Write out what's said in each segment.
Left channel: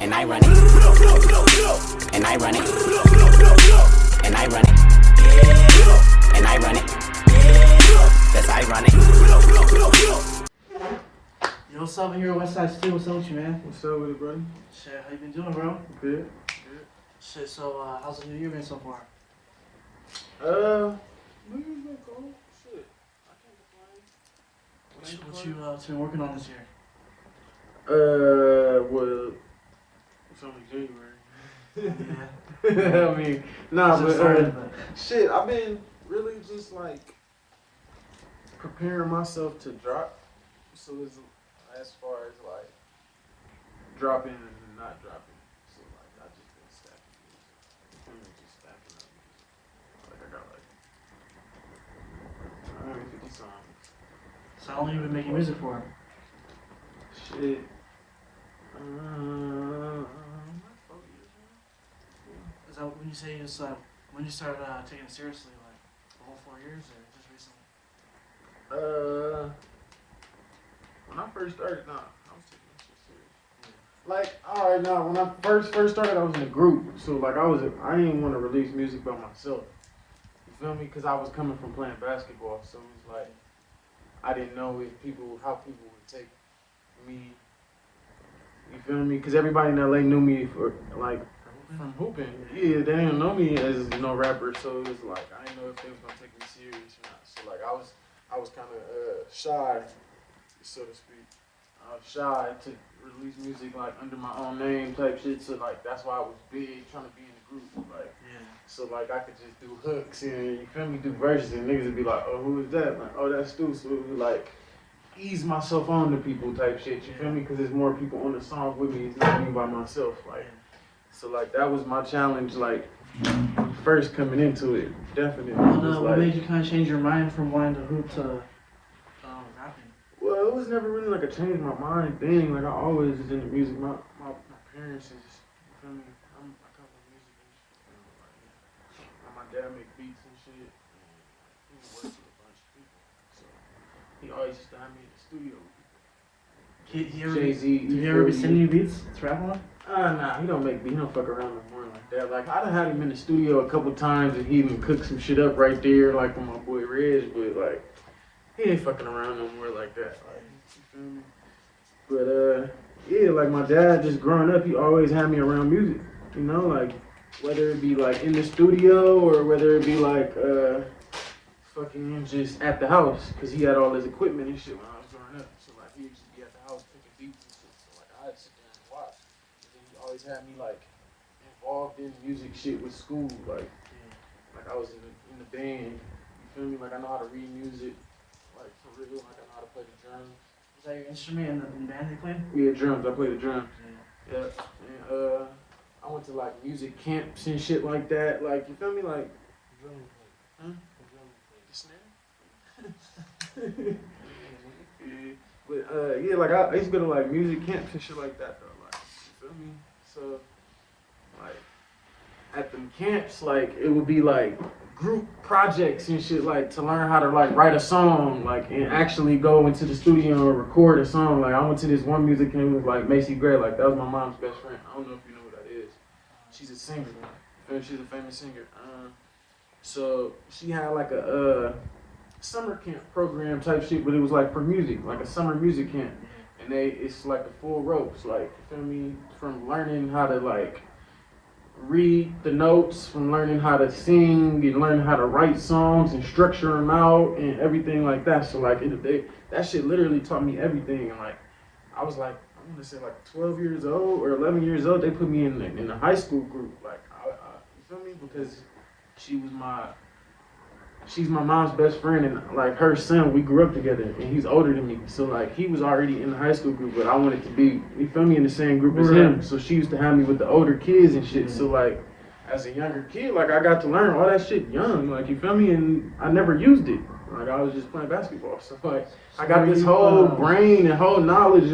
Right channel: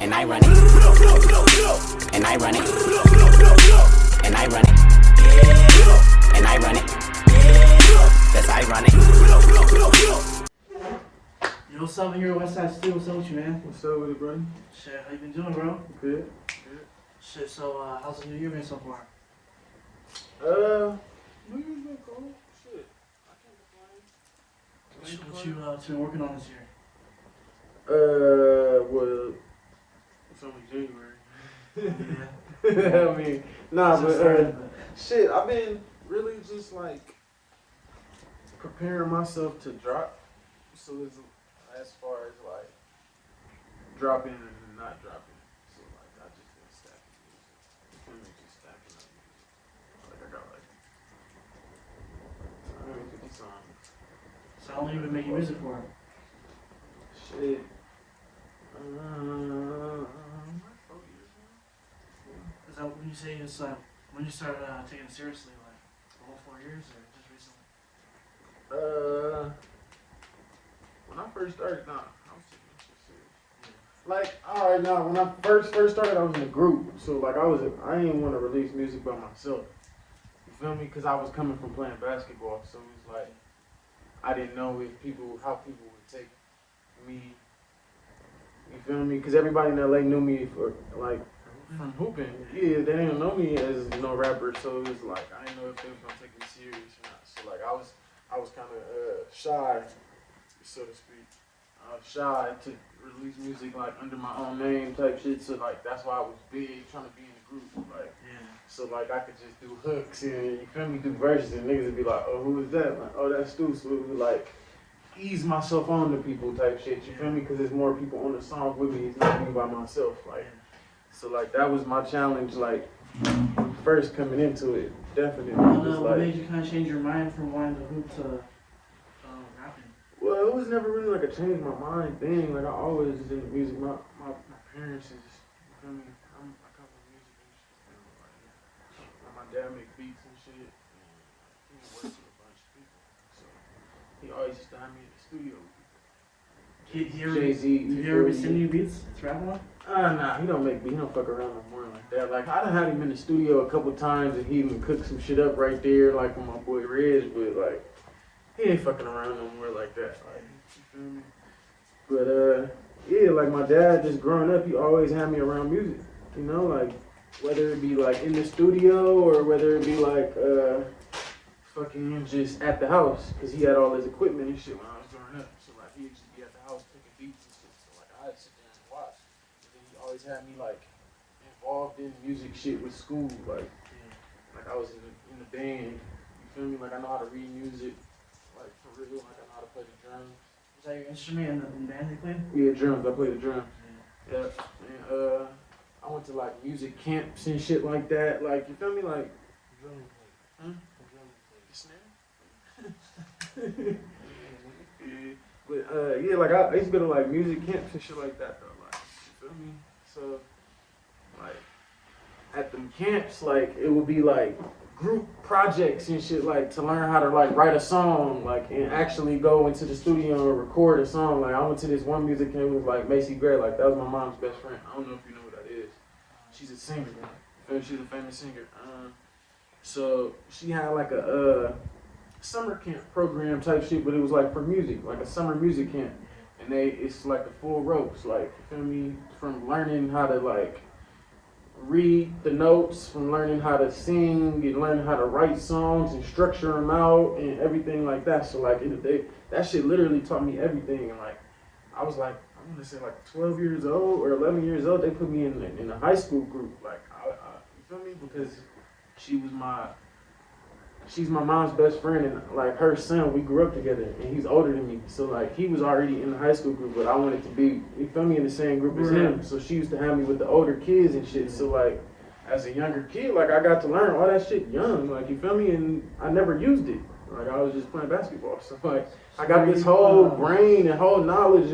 And I run it. And I run it. And I run it. And I run it. That's ironic. Yo, what's up here at Westsidestew? What's up with you, man? What's up with it, buddy? Shit, how you been doing, bro? Good. Good. Shit, so how's the new year been so far? New Year's been cool. Shit, I can't complain. What you been working on this year? Well, it's only January. Yeah. I mean, nah, but shit, I've been really just like preparing myself to drop. So it's as far as like dropping and not dropping. So like I just been stacking music. Just stacking up music. Like I got like 150 songs. So how long you been making music for? Shit. 4 years now. Is that when you say it's when you started taking it seriously, like the whole 4 years, or just recently? When I first started, I was taking this shit serious. Like, alright, now when I first started, I was in a group, so like I didn't want to release music by myself. You feel me? Because I was coming from playing basketball, so it was like I didn't know how people would take me. You feel me? Because everybody in LA knew me from hooping. Yeah, they didn't know me as rapper, so it was like I didn't know if they was gonna take me serious or not. So like I was kind of shy, so to speak. I was shy to release music like under my own name type shit. So like that's why I was big trying to be in the group. Like so like I could just do hooks and you feel me, do verses and niggas would be like, oh, who is that? Like, oh, that's Stu. So it was like ease myself on to people type shit. You feel me? Because there's more people on the song with me. It's not me by myself. Like so like that was my challenge. Like first coming into it, definitely. What made you kind of change your mind from wanting to hoop to rapping? Well, it was never really like a change my mind thing. Like I always was into music. My parents is, you feel me? I come from music and shit. Like, my dad make beats and shit. And he works with a bunch of people, so he always used to have me in the studio. Jayz. Did you ever be sending you beats to rap on? Nah, he don't make beats. He don't fuck around no more like that. Like I done had him in the studio a couple times and he even cooked some shit up right there, like with my boy Reg, but like. He ain't fucking around no more like that. Like, you feel me? But yeah, like my dad just growing up, he always had me around music. You know, like whether it be like in the studio or whether it be like fucking just at the house, cause he had all his equipment and shit when I was growing up. So like he would just be at the house picking beats and shit. So like I'd sit there and watch. And then he always had me like involved in music shit with school. Like I was in the band. You feel me? Like I know how to read music. Like for real, like I know how to play the drums. Is that your instrument in the band you play? Yeah, drums. I play the drums. Yeah. And I went to like music camps and shit like that. Like you feel me? Like huh? The snare? Yeah. But yeah, like I used to go to like music camps and shit like that though. Like you feel me? So like at them camps, like it would be like group projects and shit, like to learn how to like write a song, like and actually go into the studio and record a song. Like I went to this one music camp with like Macy Gray, like that was my mom's best friend. I don't know if you know who that is. She's a singer, she's a famous singer. So she had like a summer camp program type shit, but it was like for music, like a summer music camp, and it's like the full ropes, like you feel me, from learning how to like read the notes, from learning how to sing and learning how to write songs and structure them out and everything like that. So like that shit literally taught me everything. And like I was like, I want to say like 12 years old or 11 years old. They put me in the high school group. Like you feel me? Because she's my mom's best friend, and like her son, we grew up together, and he's older than me. So like he was already in the high school group, but I wanted to be, you feel me, in the same group as him. So she used to have me with the older kids and shit. So like as a younger kid, like I got to learn all that shit young, like you feel me, and I never used it. Like I was just playing basketball. So like I got this whole brain and whole knowledge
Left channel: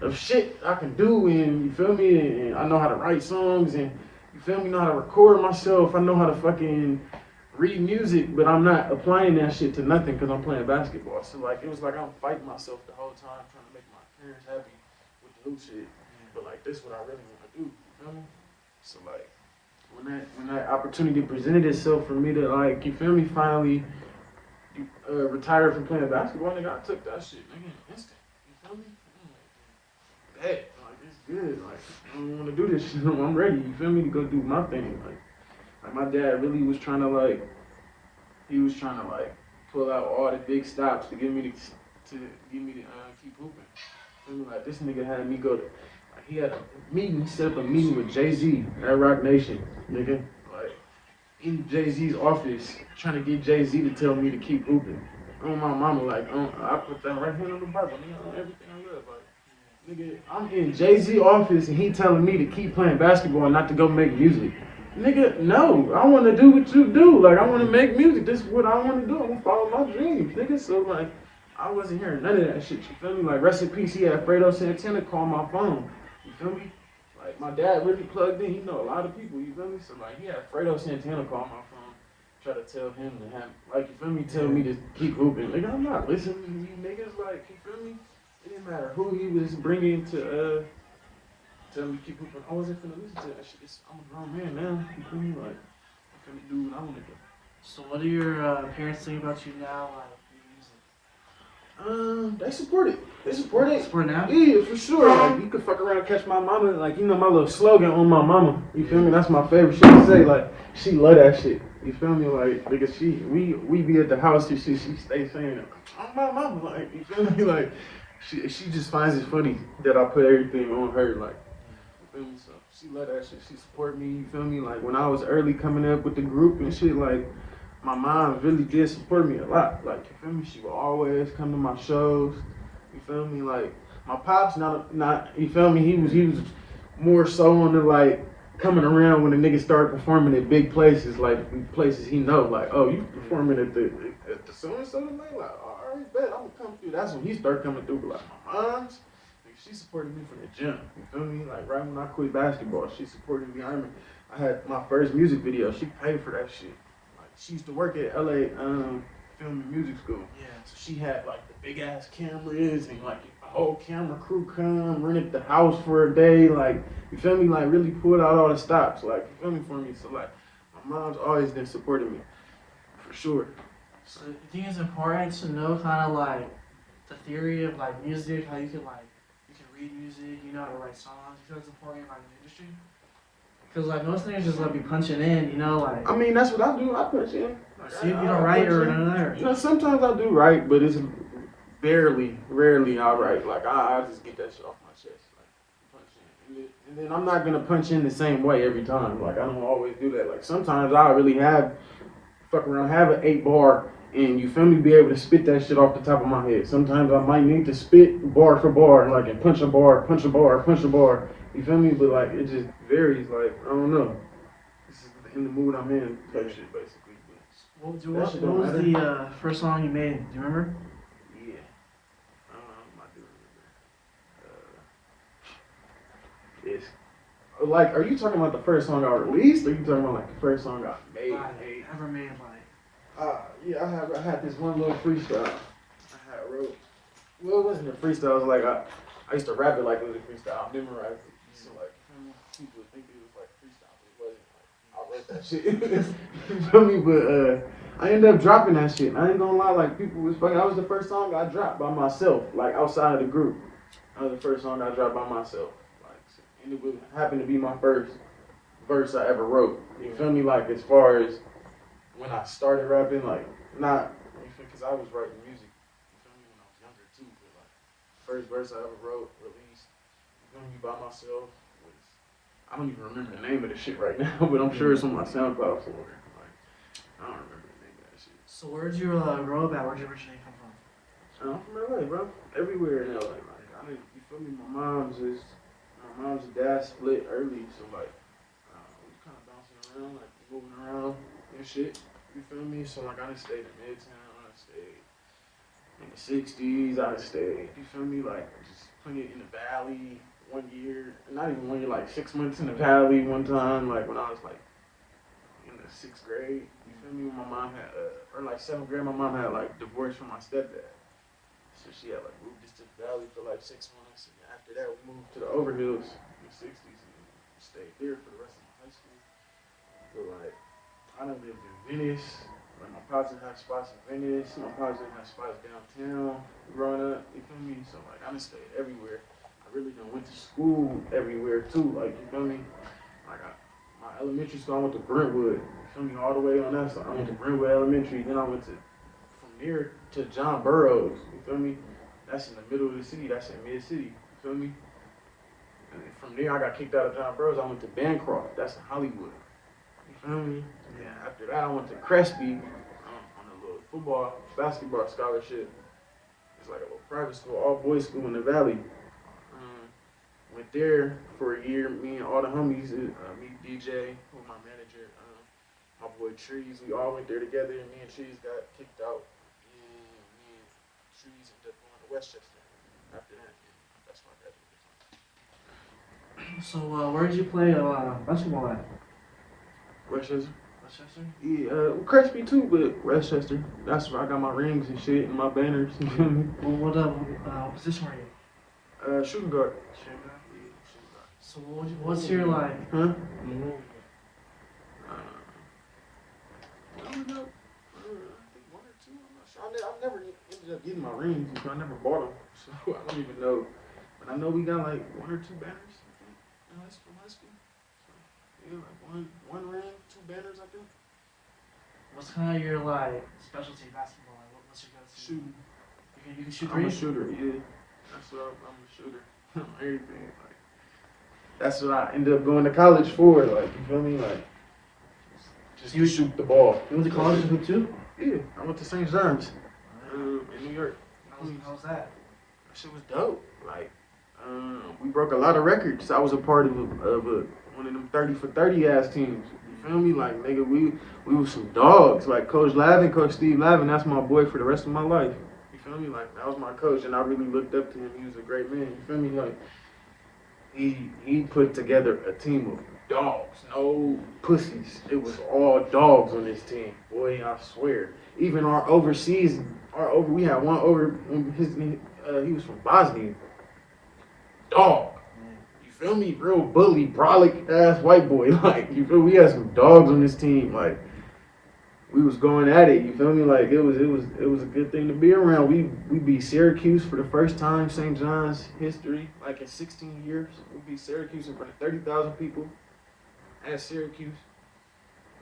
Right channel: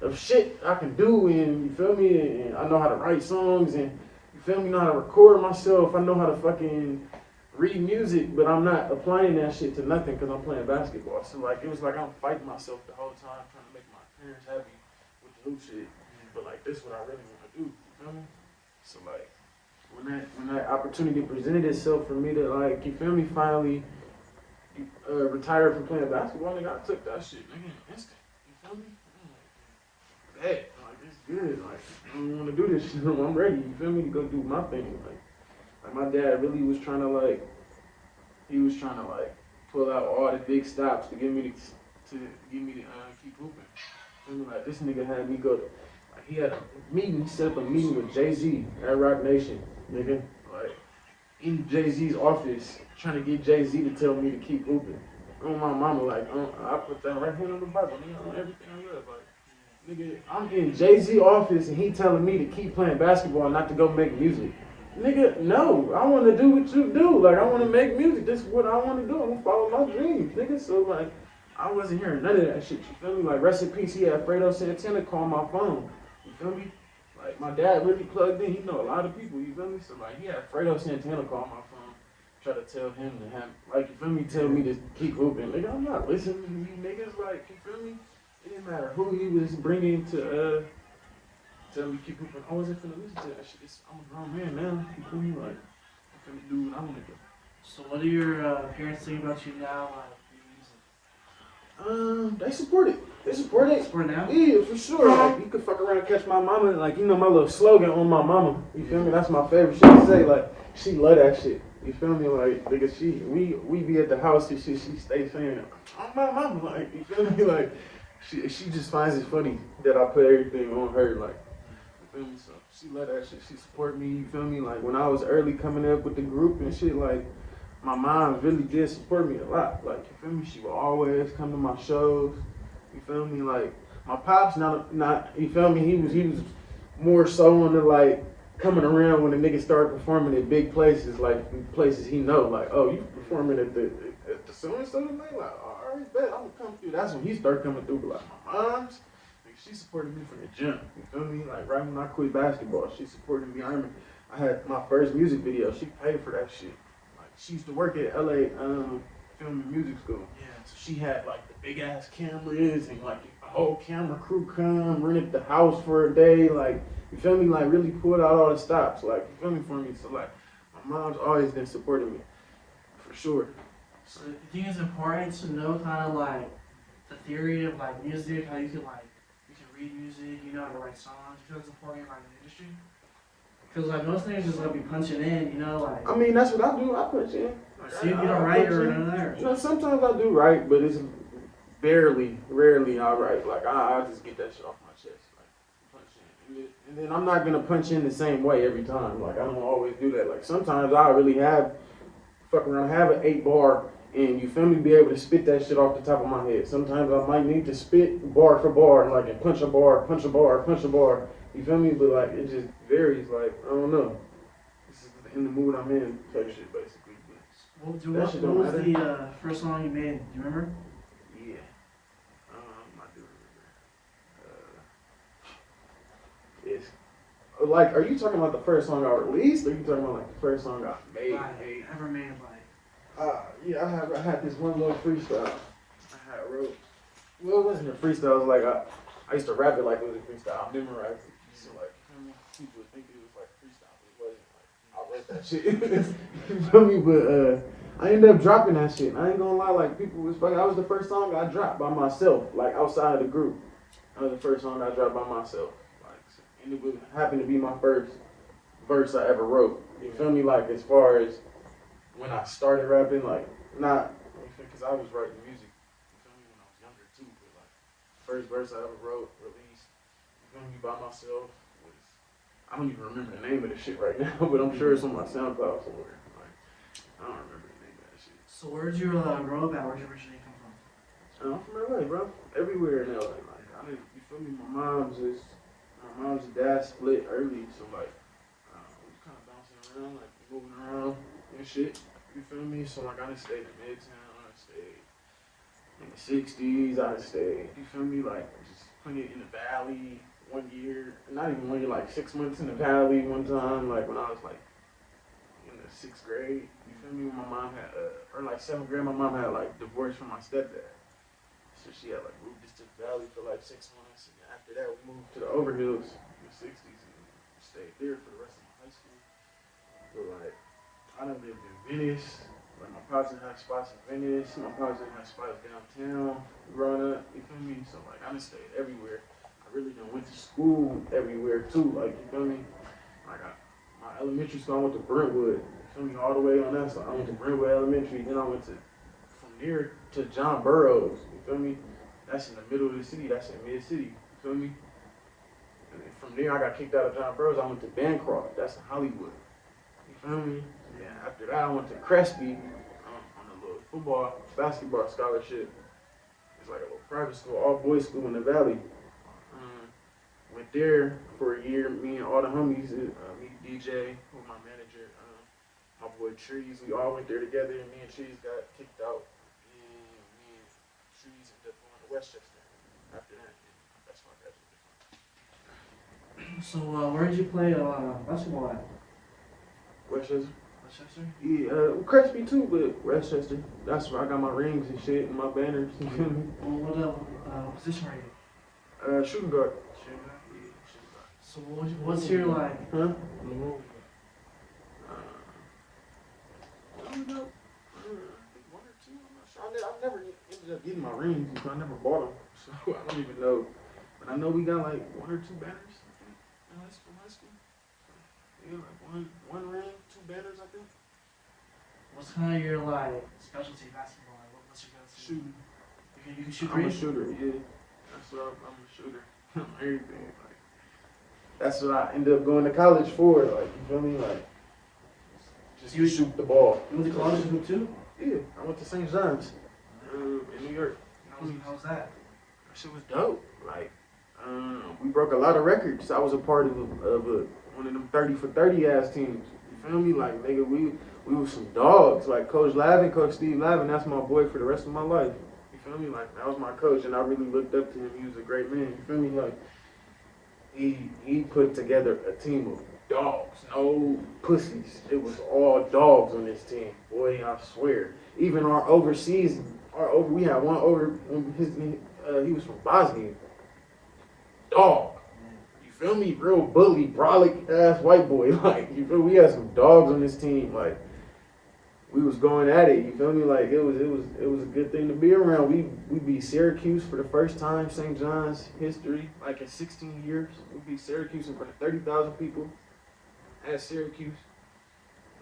of shit I can do, and you feel me, and I know how to write songs, and you feel me, know how to record myself. I know how to fucking read music, but I'm not applying that shit to nothing because I'm playing basketball. So like it was like I'm fighting myself the whole time trying to make my parents happy with the hoop shit. but like this is what I really want to do. You feel me? So like when that opportunity presented itself for me to like, you feel me, finally retire from playing basketball, nigga, I took that shit, nigga, instant. You feel me? Like, it's good. Like, I don't want to do this shit. I'm ready. You feel me? To go do my thing. Like my dad really was trying to like, he was trying to like pull out all the big stops to get me to keep hooping. Feel me? Like this nigga had me go to, like, he had a meeting. He set up a meeting with jayz at Rock Nation, nigga. Like in jayz's office, trying to get jayz to tell me to keep hooping. On my mama, like, I put that right hand on the Bible, nigga, on everything I love, like. Nigga, I'm in jayz office and he telling me to keep playing basketball and not to go make music. Nigga, no, I want to do what you do. Like, I want to make music. This is what I want to do. I want to follow my dreams, nigga. So, like, I wasn't hearing none of that shit. You feel me? Like, rest in peace, he had Fredo Santana call my phone. You feel me? Like, my dad really plugged in. He know a lot of people. You feel me? So, like, he had Fredo Santana call my phone. Try to tell him to have, like, you feel me? Tell me to keep hooping. Nigga, I'm not listening to you niggas. Like, you feel me? It didn't matter who he was bringing to tell me to keep hooping. I wasn't finna listen to that shit. I'm a grown man now. You feel me? Like, I'm finna do what I want to do. So what do your parents think about you now? Like, music? They support it. They support it. Support now? Yeah, for sure. Like, you could fuck around and catch my mama. Like, you know my little slogan on my mama. You feel me? That's my favorite shit to say. Like, she love that shit. You feel me? Like, because we be at the house and she stay saying, I'm my mama. Like, you feel me? Like, she just finds it funny that I put everything on her. Like, you feel me? So she love that shit. She support me. You feel me? Like, when I was early coming up with the group and shit, like, my mom really did support me a lot. Like, you feel me? She would always come to my shows. You feel me? Like, my pops not you feel me? He was more so on the like coming around when the niggas started performing at big places, like places he know. Like, oh, you performing at the so and so tonight? Like, all right, bet I'm gonna come through. That's when he started coming through. But like my mom's, like, she supported me from the jump. You feel me? Like right when I quit basketball, she supported me. I remember I had my first music video. She paid for that shit. She used to work at LA Film and Music School. Yeah. So she had like the big ass cameras and like a whole camera crew come, rented the house for a day. Like, you feel me? Like really pulled out all the stops. Like, you feel me, for me? So like my mom's always been supporting me. For sure. So you think it's important to know kind of like the theory of like music, how you can read music, you know how to write songs. You feel it's important in like the industry? Cause like most niggas just like be punching in, you know, like. I mean, that's what I do. I punch in. Like, so you don't write or none of that. You know, sometimes I do write, but it's rarely I write. Like I just get that shit off my chest. Like punch in, and then I'm not gonna punch in the same way every time. Like I don't always do that. Like sometimes I really have an 8-bar, and you feel me, be able to spit that shit off the top of my head. Sometimes I might need to spit bar for bar, like and punch a bar. You feel me? But like it just varies. Like I don't know. This is in the mood I'm in type shit basically. What was the first song you made? Do you remember? Yeah. I do remember. It's like, are you talking about the first song I released, or are you talking about like the first song I made? Ever made like. Yeah, I had this one little freestyle I wrote. Well, it wasn't a freestyle. It was like I used to rap it like it was a freestyle. I memorized it. So like, people would think it was like freestyle, but it wasn't. Like, I wrote that shit. You feel me? But I ended up dropping that shit. I ain't gonna lie, like people was fucking. That was the first song I dropped by myself, like outside of the group. That was the first song I dropped by myself. Like, and it would happen to be my first verse I ever wrote. You feel me? Like as far as when I started rapping, like not because I was writing music. You feel me? When I was younger too. But like first verse I ever wrote, released. You feel me? By myself. I don't even remember the name of the shit right now, but I'm sure it's on my SoundCloud somewhere. Like, I don't remember the name of that shit. So where'd you grow up at? Where'd you originally come from? I'm from LA, bro. Everywhere in LA. Like, you feel me? My mom's and dad split early, so like, we was kind of bouncing around, like moving around and shit. You feel me? So like, I done stayed in Midtown, I done stayed in the 60s, I done stayed, you feel me? Like, just plenty in the Valley. 1 year, not even 1 year, like 6 months in the Valley one time, like when I was like in the 6th grade, you feel me? When my mom had, or like 7th grade, my mom had like divorced from my stepdad. So she had like moved us to the Valley for like 6 months, and after After that, we moved to the Overhills in the 60s and stayed there for the rest of my high school. But like, I done lived in Venice. Like my pops had spots in Venice. My pops had spots downtown growing up. You feel me? So like, I done stayed everywhere. I really done went to school everywhere too. Like, you feel me? Like my elementary school, I went to Brentwood. You feel me? All the way on that side. I went to Brentwood Elementary. Then I went to from there to John Burroughs. You feel me? That's in the middle of the city. That's in mid city. You feel me? And then from there, I got kicked out of John Burroughs. I went to Bancroft. That's in Hollywood. You feel me? Yeah. After that, I went to Crespi on a little basketball scholarship. It's like a little private school, all boys school in the Valley. Went there for a year. Me and all the homies, me, DJ, who my manager, my boy Trees, we all went there together. And me and Trees got kicked out. And me and Trees ended up going to Westchester. After that, that's why I graduated. So, where did you play basketball at? Westchester? Westchester? Yeah, Crespi too, but Westchester. That's where I got my rings and shit and my banners. What position were you? Shooting guard. So what's your like? Huh? I don't know. I think one or two. I'm not sure. I never ended up getting my rings. I never bought them, so I don't even know. But I know we got like one or two banners. I think in high school. Yeah, like one ring, two banners. I think. What's kind of your like specialty in basketball? Like, what's your go-to? Shooting. You can shoot. I'm a shooter. Yeah, that's what I'm a shooter. Everything. Like, that's what I ended up going to college for. Like, you feel me? Like, just you shoot the ball. You went to college to hoop too? Yeah, I went to St. John's in New York. How was that? That shit was dope. Like, we broke a lot of records. I was a part of one of them 30 for 30 ass teams. You feel me? Like, nigga, we was some dogs. Like, Coach Lavin, Coach Steve Lavin, that's my boy for the rest of my life. You feel me? Like, that was my coach, and I really looked up to him. He was a great man. You feel me? Like, he put together a team of dogs, no pussies. It was all dogs on this team. Boy, I swear. Even our overseas, we had one over, he was from Bosnia. Dog. You feel me? Real bully, brolic ass white boy. Like, you feel me? We had some dogs on this team. Like, we was going at it, you feel me? Like, it was a good thing to be around. We beat Syracuse for the first time, St. John's history, like in 16 years. We beat Syracuse in front of 30,000 people at Syracuse.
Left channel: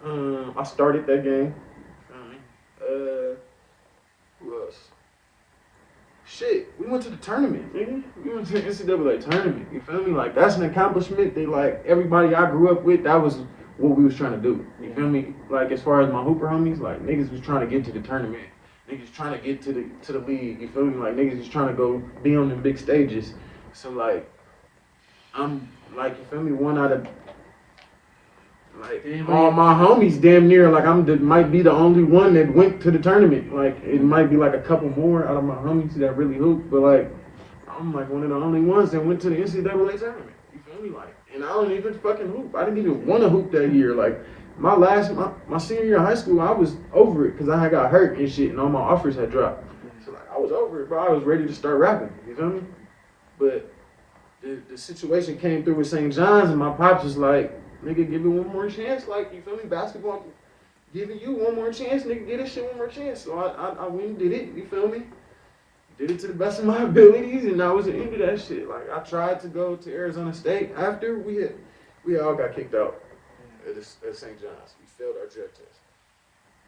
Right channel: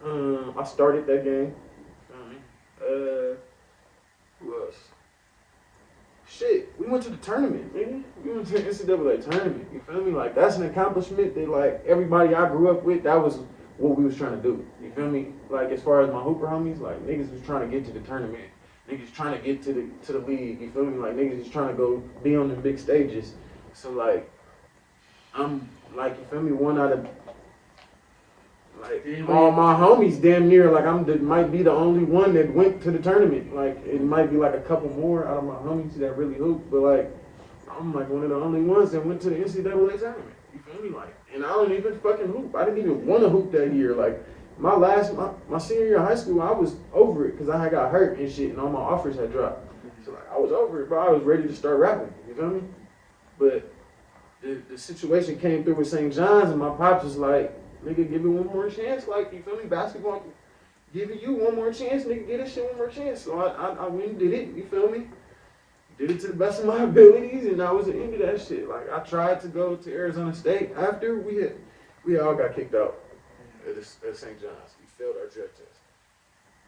I started that game. Who else? Shit, we went to the tournament, nigga. We went to the NCAA tournament, you feel me? Like, that's an accomplishment that, like, everybody I grew up with, that was what we was trying to do. You feel me? Like, as far as my hooper homies, like, niggas was trying to get to the tournament. Niggas trying to get to the league. You feel me? Like, niggas was trying to go be on the big stages. So, like, I'm, like, you feel me? One out of, like, all my homies damn near, like, might be the only one that went to the tournament. Like, it might be, like, a couple more out of my homies that really hoop. But, like, I'm, like, one of the only ones that went to the NCAA tournament. You feel me? Like, and I don't even fucking hoop. I didn't even want to hoop that year. Like, my senior year of high school, I was over it because I had got hurt and shit, and all my offers had dropped. So, like, I was over it, bro. I was ready to start rapping. You feel me? But the situation came through with St. John's, and my pops was like, nigga, give it one more chance. Like, you feel me? Basketball, giving you one more chance, nigga. Get this shit one more chance. So I went and did it. You feel me? Did it to the best of my abilities, and I was into that shit. Like, I tried to go to Arizona State after we all got kicked out at St. John's. We failed our drug test.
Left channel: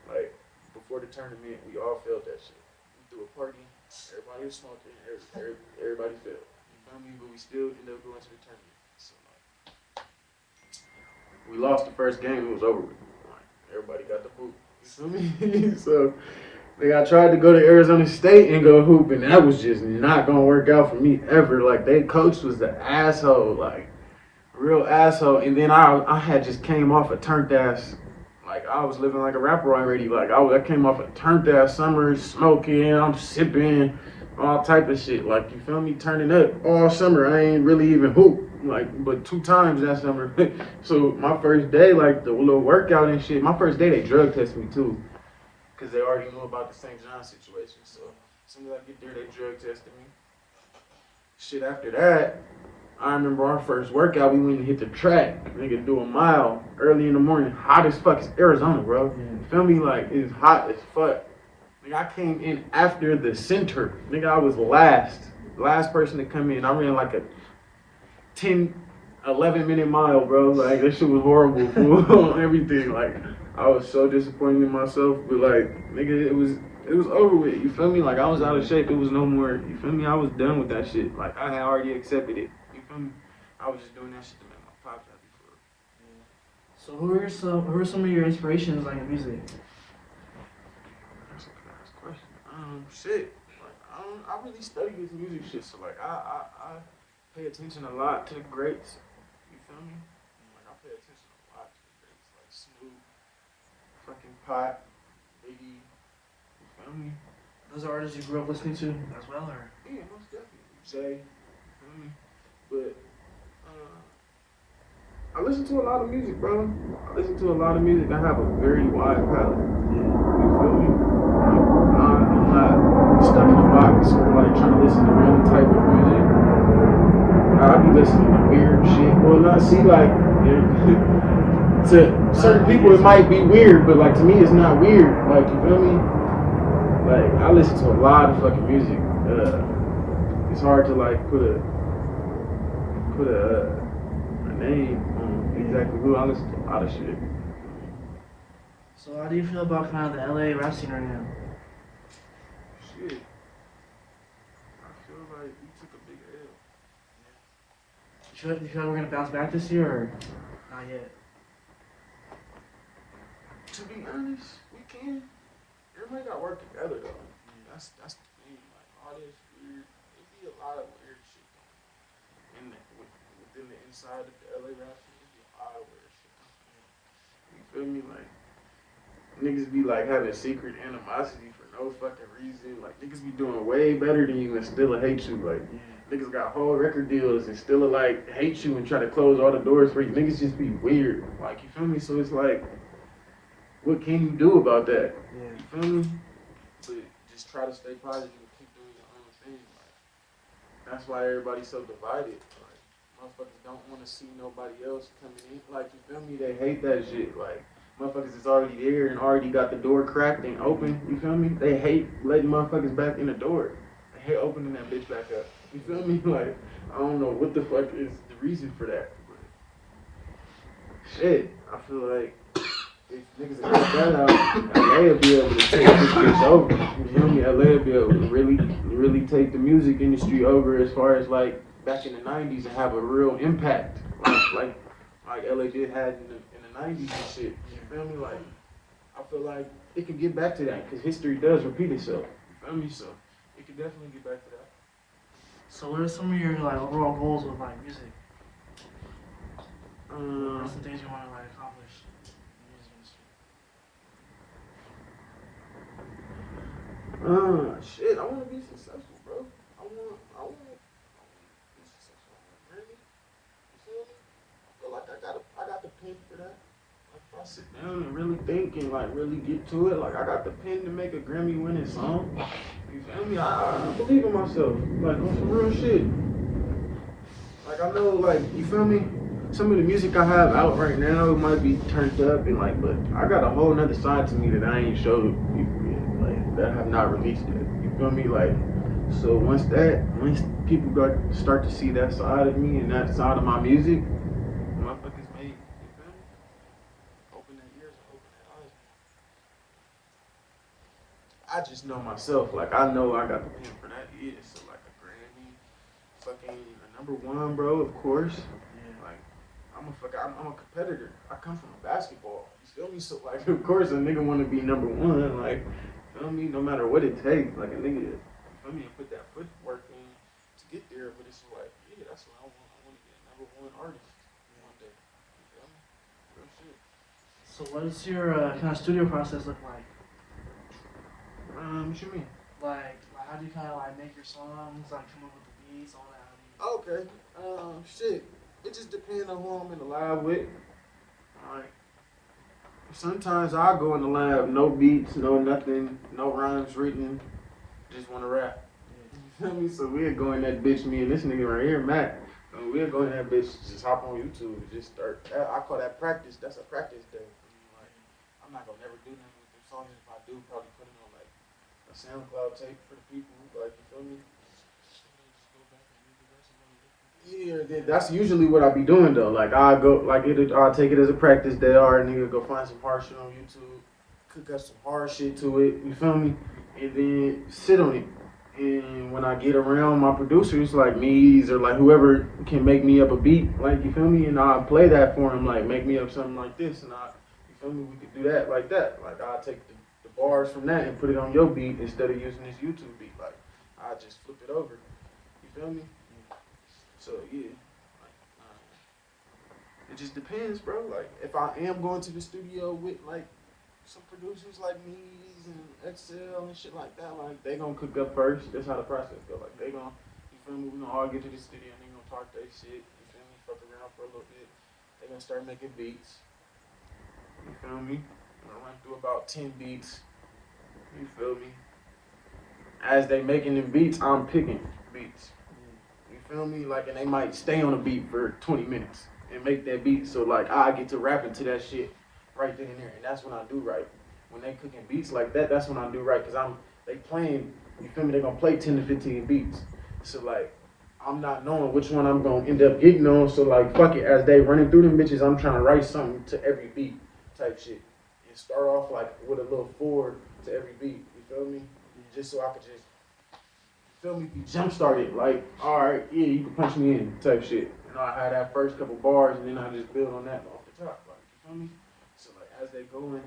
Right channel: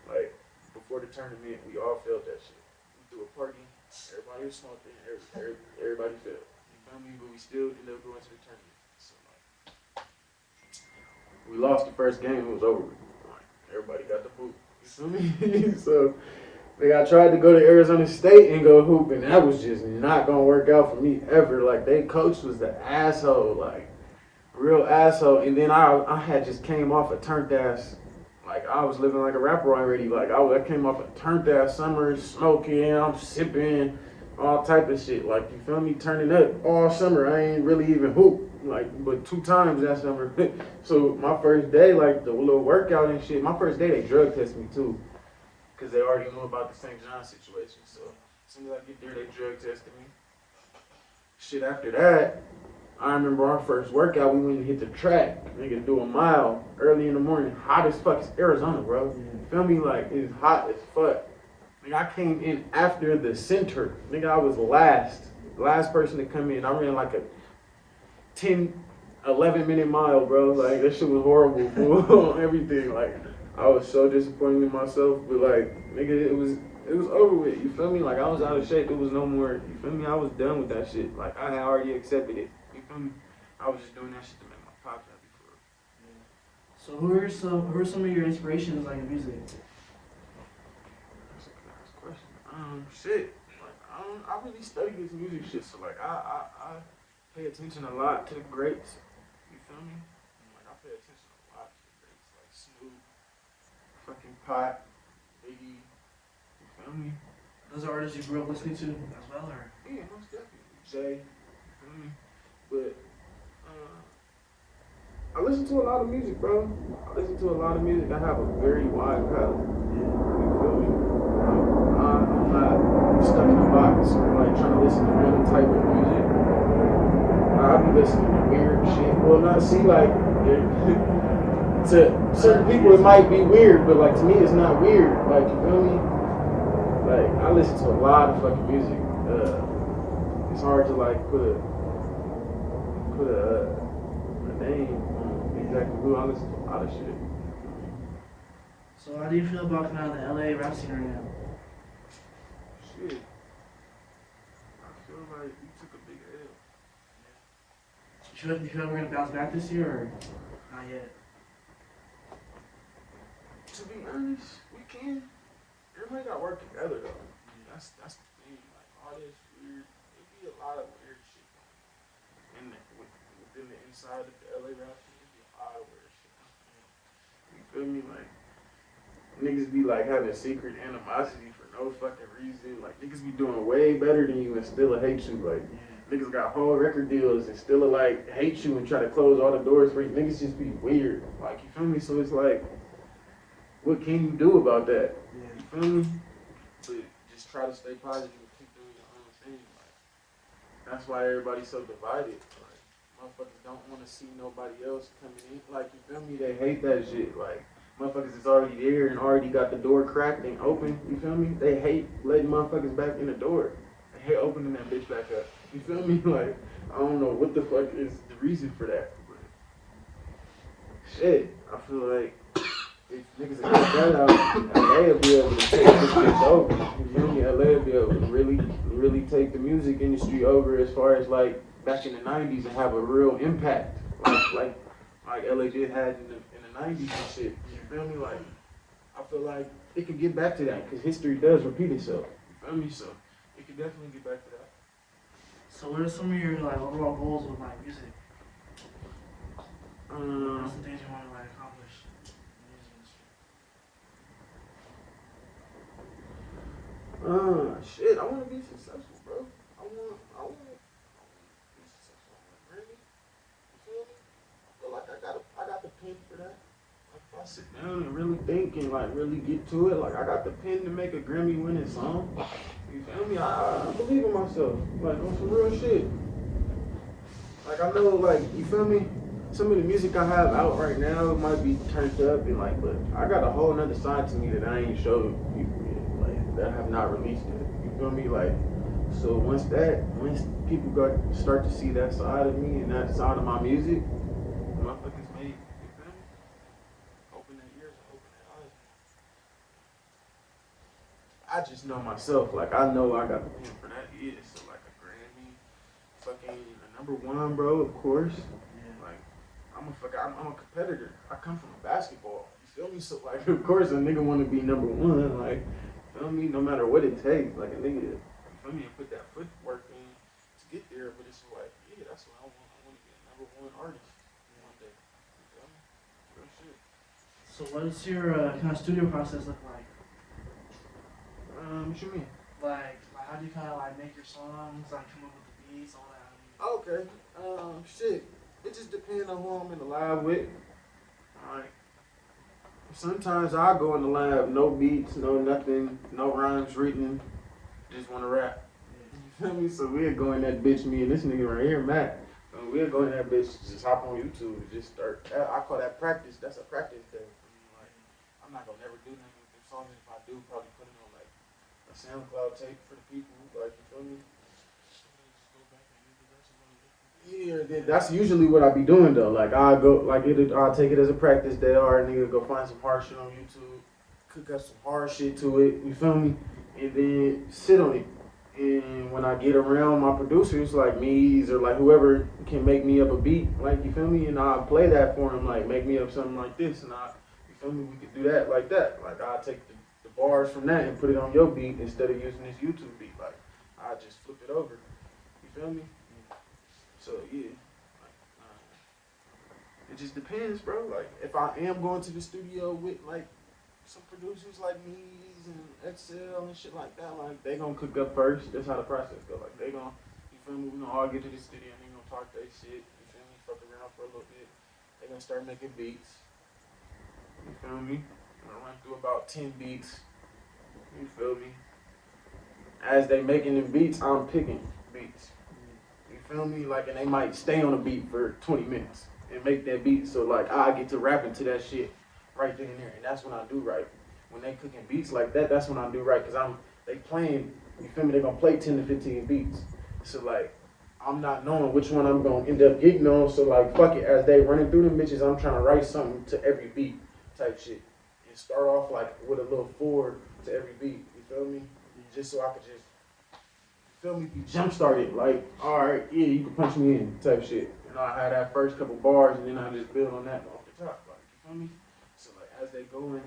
Like, before the tournament, we all failed that shit. We threw a party. Everybody was smoking. Everybody failed. You feel me? But we still ended up going to the tournament. So, like, we lost the first game. It was over with. Like, everybody got the boot. You feel me? So, like, I tried to go to Arizona State and go hoop, and that was just not gonna work out for me ever. Like, they coach was the asshole, like, real asshole. And then I had just came off a turned ass, like, I was living like a rapper already. Like, I came off a turned ass summer, smoking, I'm sipping, all type of shit. Like, you feel me? Turning up all summer. I ain't really even hoop, like, but 2 times that summer. So my first day, like, the little workout and shit, my first day they drug tested me too. Because they already knew about the St. John situation. So as soon as I get there, they drug tested me. shit, after that, I remember our first workout, we went and hit the track. Nigga, do a mile early in the morning. Hot as fuck. It's Arizona, bro. You feel me? Like, it's hot as fuck. Nigga, I came in after the center. Nigga, I was last person to come in. I ran like a 10, 11-minute mile, bro. Like, that shit was horrible, fool. Everything. Like, I was so disappointed in myself. But, like, nigga, it was over with. You feel me? Like, I was out of shape. It was no more. You feel me? I was done with that shit. Like, I had already accepted it. You feel me? I was just doing that shit to make my pops happy for real. So who are some of your inspirations like in music? That's a class question. Shit. Like, I really study this music shit, so like I pay attention a lot to the greats. You feel me? Like, I pay attention a lot to the greats, like Snoop, fucking Pot, Biggie. You feel me? Those are artists you grew up listening to as well, or? Yeah, most definitely. Jay. You feel me? But I listen to a lot of music, bro. I listen to a lot of music. I have a very wide palette. You feel me? I'm not stuck in a box or like trying to listen to one type of music. I be listening to weird shit. Well, not see like to certain people it might be weird, but like to me it's not weird. Like, you feel me? Like, I listen to a lot of fucking music. It's hard to like put a name on exactly who. I listen to a lot of shit. So how do you feel about kind of the LA rap scene right now? Shit. I feel like we took a big L. You feel like we're gonna bounce back this year, or not yet? To be honest, we can. Everybody got to work together though. That's the thing. Like, all this weird, it be a lot of weird shit going on. Within the inside of the LA rap scene, it be a lot of weird shit. You feel me? Like, niggas be like having secret animosity for no fucking reason. Like, niggas be doing way better than you and still hate you. Like, niggas got whole record deals and still like hate you and try to close all the doors for you. Niggas just be weird. Like, you feel me? So it's like, what can you do about that? You feel me? But just try to stay positive and keep doing your own thing. Like, that's why everybody's so divided. Like, motherfuckers don't want to see nobody else coming in. Like, you feel me? They hate that shit. Like, motherfuckers is already there and already got the door cracked and open. You feel me? They hate letting motherfuckers back in the door. They hate opening that bitch back up. You feel me? Like, I don't know what the fuck is the reason for that. But shit, I feel like if niggas had cut that out, LA will be able to take this bitch over. You feel me? LA will be able to really take the music industry over as far as like back in the 90s and have a real impact. Like LA did had in the 90s and shit. You feel me? Like, I feel like it can get back to that because history does repeat itself. You feel me? So it can definitely get back to that. So what are some of your like overall goals with like music? What's the things you want to like accomplish in the music industry? Shit, I want to be successful, bro. I want to be successful. Really? You feel me? I feel like I got the pen for that. Like, if I sit down and really think and like really get to it, like I got the pen to make a Grammy-winning song. You feel me? I believe in myself. Like, on some real shit. Like, I know, like, you feel me? Some of the music I have out right now, it might be turned up and like, but I got a whole nother side to me that I ain't showed people yet, like, that I have not released yet. You feel me? Like, so once people start to see that side of me and that side of my music, motherfuckers may, you feel me? Open their ears and open their eyes. I just know myself, like, I know I got the pen for that. Yeah, so like a Grammy, fucking a #1, bro, of course. Like, I'm a competitor. I come from basketball. You feel me? So like, of course, a nigga want to be #1. Like, feel me? No matter what it takes. Like, a nigga, you feel me? Put that footwork in to get there. But it's like, yeah, that's what I want. I want to be a #1 artist one day. You feel me? Real shit. So what does your kind of studio process look like? What you mean? Like how do you kind of like make your songs, like come up with the beats, all that? Okay. Shit. It just depends on who I'm in the lab with. Alright. Sometimes I go in the lab, no beats, no nothing, no rhymes written, just want to rap. Yeah, did you feel me? So we'll go in that bitch, me and this nigga right here, Matt. We'll go in that bitch, just hop on YouTube and just start. I call that practice. That's a practice day. Like, I'm not gonna never do nothing with them songs. If I do, probably put it on like a SoundCloud tape for the people. Like, you feel me? Yeah, that's usually what I be doing though. Like I go, like I'll take it as a practice day. Or nigga go find some hard shit on YouTube, cook up some hard shit to it. You feel me? And then sit on it. And when I get around my producers, like me's or like whoever can make me up a beat, like you feel me, and I play that for him, like make me up something like this, and you feel me, we could do that like that. Like I take the bars from that and put it on your beat instead of using this YouTube beat. Like I just flip it over. You feel me? So yeah, it just depends, bro. Like if I am going to the studio with like some producers like me's and Excel and shit like that, like they gonna cook up first. That's how the process go. Like they gonna, you feel me? We gonna all get to the studio and they gonna talk their shit. You feel me? Fuck around for a little bit. They gonna start making beats. You feel me? I'm gonna run through about 10 beats. You feel me? As they making them beats, I'm picking beats. You feel me? Like, and they might stay on the beat for 20 minutes and make that beat. So like I get to rapping to that shit right then and there, and that's when I do right. When they cooking beats like that, that's when I do right, cause they playing. You feel me? They gonna play 10 to 15 beats. So like, I'm not knowing which one I'm gonna end up getting on. So like, fuck it. As they running through them bitches, I'm trying to write something to every beat, type shit. And start off like with a little forward to every beat. You feel me? Just so I could just, feel me? Be jump started. Like, all right, yeah, you can punch me in, type shit. You know, I had that first couple bars, and then I just build on that off the top. Like, you feel me? So like as they going,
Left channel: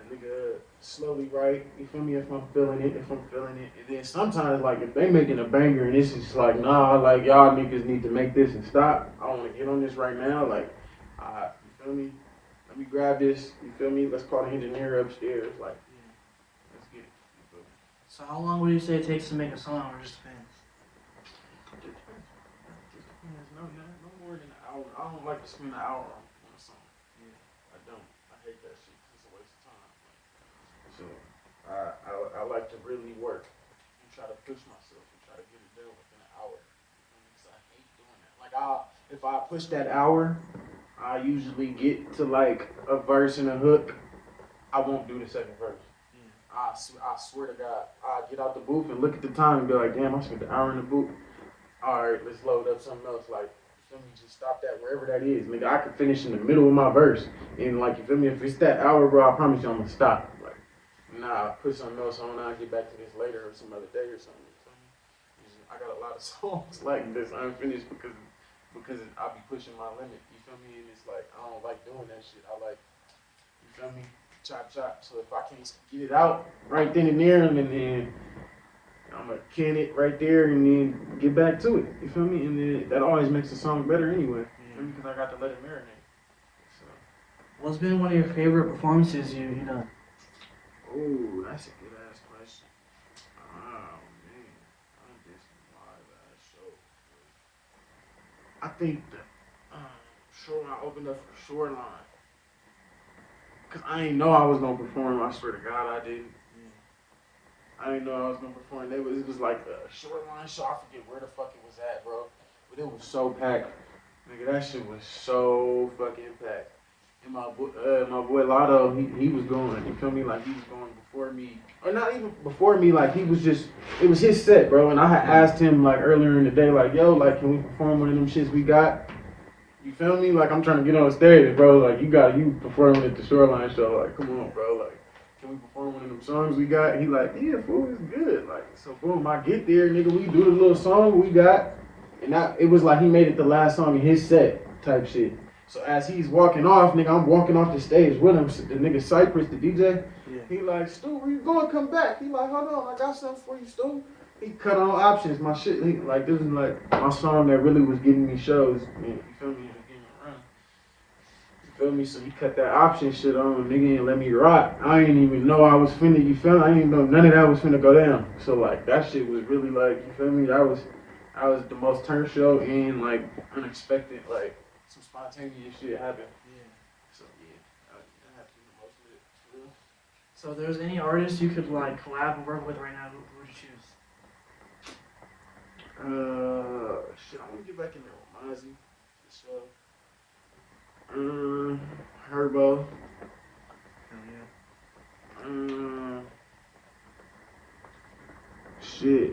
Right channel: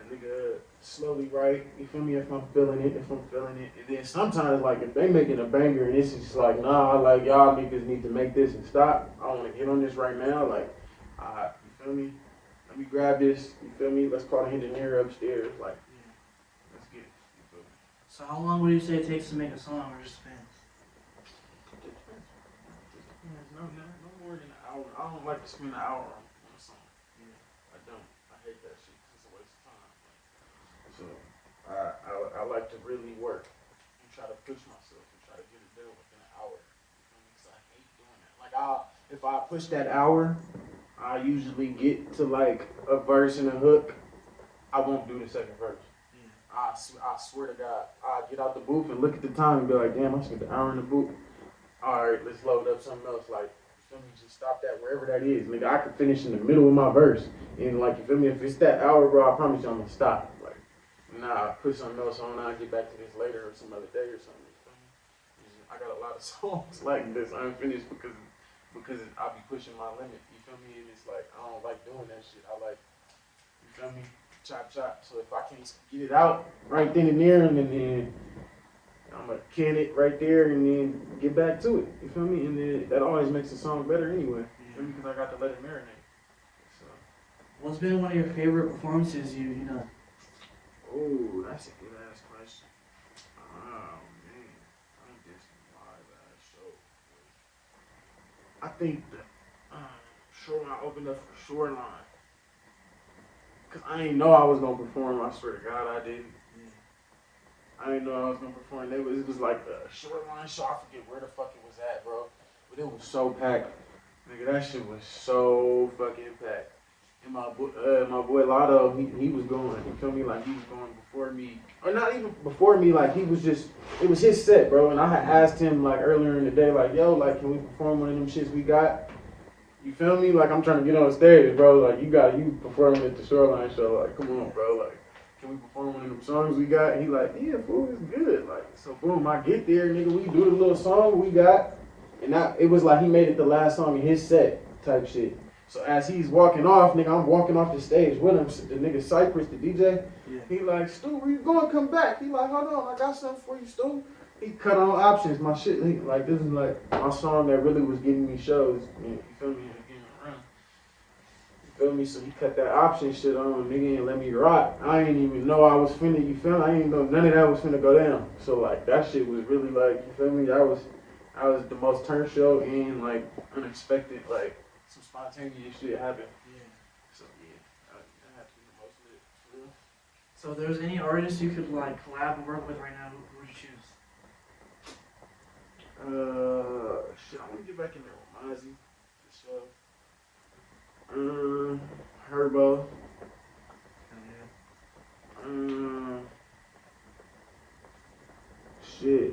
a nigga slowly write, you feel me, if I'm feeling it. And then sometimes like if they making a banger and it's just like, nah, like y'all niggas need to make this and stop. I wanna get on this right now, like you feel me? Let me grab this, you feel me? Let's call the engineer upstairs, like let's get it. You feel me? So how long would you say it takes to make a song, or just depends? No more than an hour. I don't like to spend an hour on something. I don't. I hate that shit. It's a waste of time. So I like to really work and try to push myself and try to get it done within an hour. So I hate doing that. Like if I push that hour, I usually get to like a verse and a hook. I won't do the second verse. I swear to God, I get out the booth and look at the time and be like, damn, I spent an hour in the booth. All right, let's load up something else. Like, you feel me? Just stop that wherever that is. Nigga, I could finish in the middle of my verse. And like, you feel me? If it's that hour, bro, I promise you I'm gonna stop. Like, nah, I'll put something else on. I'll get back to this later or some other day or something. You feel me? I got a lot of songs like this unfinished because I'll be pushing my limit. You feel me? And it's like, I don't like doing that shit. I like, you feel me? Chop, chop. So if I can't get it out right then and there, and then I'm gonna can it right there and then get back to it. You feel me? And then that always makes the song better anyway. You feel me? Because I got to let it marinate. So. What's been one of your favorite performances you done? Oh, that's a good ass question. Oh man, I think this live ass show. I think the Shoreline opened up for Shoreline. Cause I didn't know I was gonna perform. I swear to God, I didn't. I didn't know I was gonna perform. It was like a Shoreline show. I forget where the fuck it was at, bro. But it was so packed. Nigga, that shit was so fucking packed. And my boy Lotto, he was going. You feel me? Like he was going before me, or not even before me. Like he was just, it was his set, bro. And I had asked him like earlier in the day, like, yo, like, can we perform one of them shits we got? You feel me? Like, I'm trying to get on stage, bro. Like, you performing at the Shoreline show. Like, come on, bro. Like, can we perform one of them songs we got? He like, yeah, fool, it's good. Like, so boom, I get there, nigga. We do the little song we got. And it was like he made it the last song in his set type shit. So as he's walking off, nigga, I'm walking off the stage with him. The nigga Cypress, the DJ, he like, Stu, where you going? Come back. He like, hold on, I got something for you, Stu. He cut on options, my shit. Like, this is like my song that really was getting me shows. Man, you feel me? You feel me? So he cut that option shit on, nigga, and let me rock. I didn't even know I was finna, you feel me? I didn't know none of that was finna go down. So like that shit was really like, you feel me? I was the most turn show and like unexpected, like some spontaneous shit happened. Yeah. So yeah, that happened the most of it. For real. So if there's any artists you could like collab and work with right now, who would you choose? Shit, I want to get back in there with Mozzie. For sure. Herbo. Shit.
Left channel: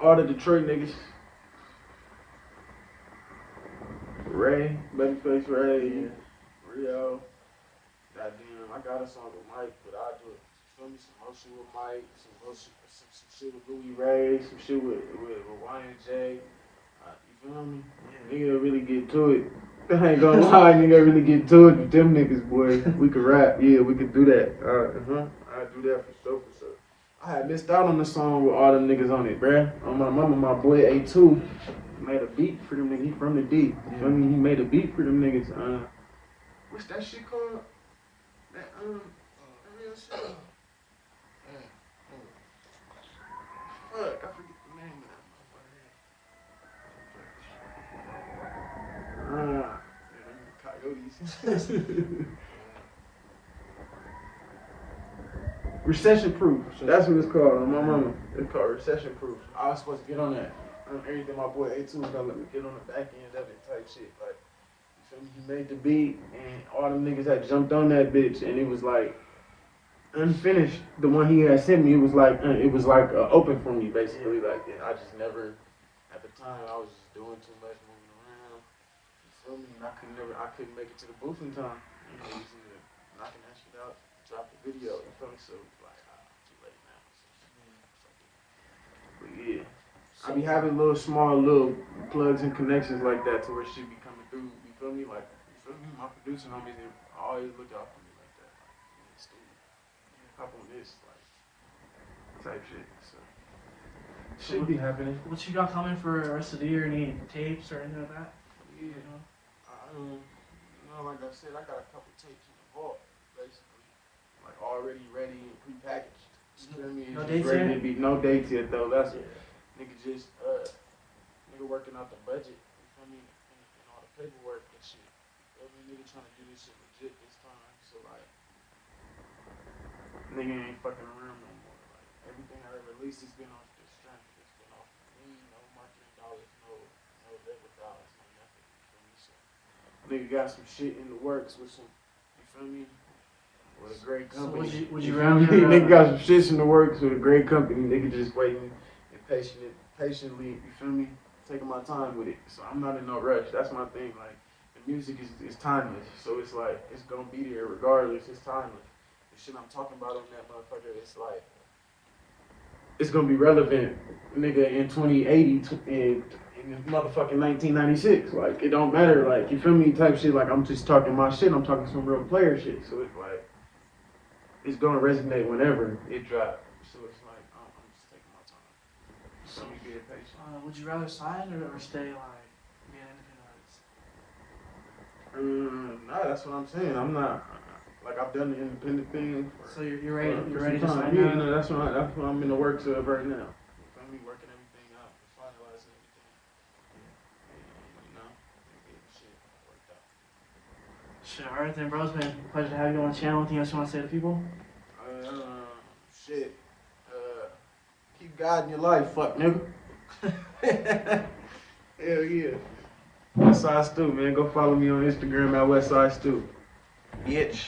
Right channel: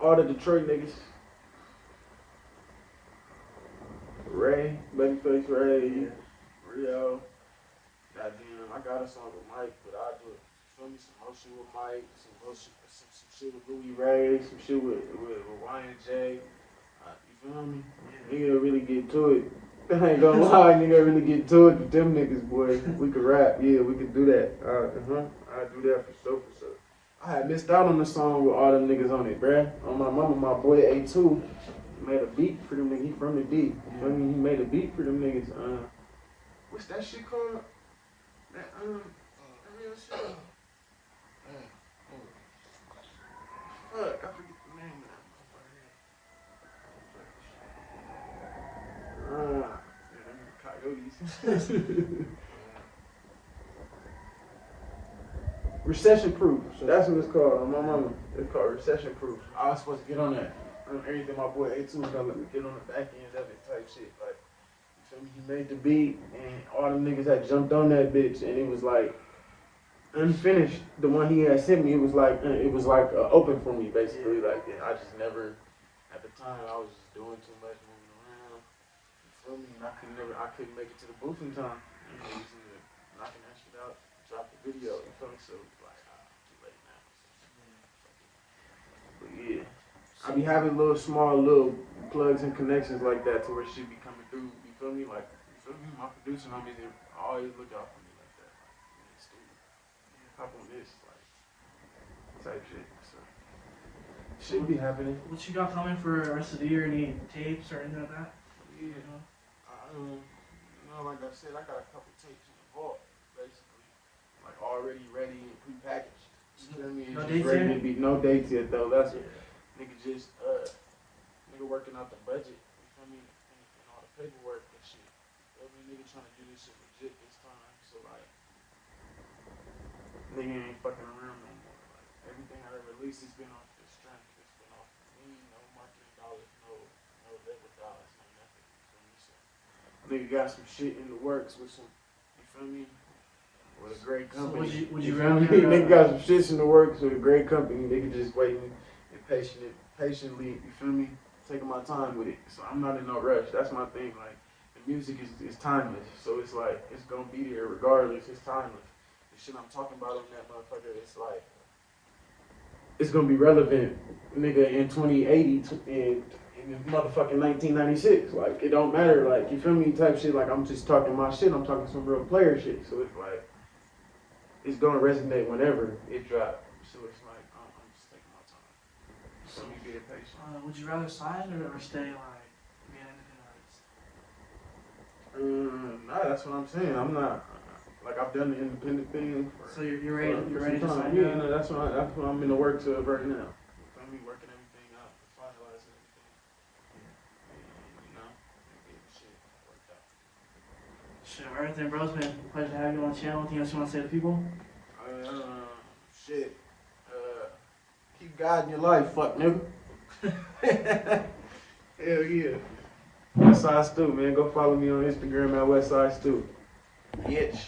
All the Detroit niggas. Ray, Babyface Ray, Rio. Goddamn, I got a song with Mike, but I do feel me some more shit with Mike, some shit with Louis Ray, some shit with Y&J. You feel me? Nigga really get to it. I ain't gonna lie, nigga really get to it with them niggas, boy. We could rap, yeah, we could do that. I'd do that for sure. I had missed out on the song with all them niggas on it, bruh. On my mama, my boy A2 made a beat for them niggas. He from the D. I mean, he made a beat for them niggas. What's that shit called? That real shit. Fuck, I forget the name of that. Coyotes. Recession Proof. That's what it's called on my mama. It's called Recession Proof. I was supposed to get on that. Everything my boy A2 was gonna let me get on the back end of it type shit. Like, you feel me? He made the beat and all them niggas had jumped on that bitch and it was like unfinished. The one he had sent me, it was like open for me basically. Like, yeah, I just never, at the time I was just doing too much moving around. You feel me? And I couldn't make it to the booth in time. You know, easy to knocking that shit out. Drop the video, you feel me? So like, too late now. But yeah, I be having small little plugs and connections like that to where shit be coming through. You feel me? Like, you feel me? My producer on this, always look out for me like that. Like, stupid. Up on this, like, type shit. So shit be happening. What you got coming for the rest of the year? Any tapes or anything like that? Yeah, like I said, I got a couple tapes in the vault, basically. Like already ready and prepackaged. You feel me? No dates yet? Ready to be no dates yet though. That's it. Nigga just nigga working out the budget. You feel me? And all the paperwork and shit. You feel me? Nigga trying to do this shit legit this time. So like, nigga ain't fucking around no more. Like everything I released has been off the strength. It's been off me, no marketing dollars, no labor dollars, no nothing. You feel me? So nigga got some shit in the works with some. You feel me? With a great company. So would you rather nigga got some shits in the works with a great company. Nigga just waiting and patiently, you feel me? Taking my time with it. So I'm not in no rush. That's my thing. Like, the music is timeless. So it's like, it's gonna be there regardless. It's timeless. The shit I'm talking about in that motherfucker, it's like, it's gonna be relevant, nigga, in 2080 in motherfucking 1996. Like, it don't matter. Like, you feel me? Type shit. Like, I'm just talking my shit. I'm talking some real player shit. So it's like, it's gonna resonate whenever it drops. So it's like, I'm just taking my time. So we be patient. Would you rather sign or stay like be an independent artist? Nah, that's what I'm saying. I'm not like I've done the independent thing. So you're ready to sign? Yeah, no, that's what I'm in the works of right now. I'm working everything out, finalizing everything. You know, getting shit worked out. Sure. All right then, bros, man. Pleasure to have you on the channel. Anything else you want to say to people? Shit. Keep God in your life, fuck nigga. Hell yeah. Westside Stew, man. Go follow me on Instagram at Westside Stew. Bitch.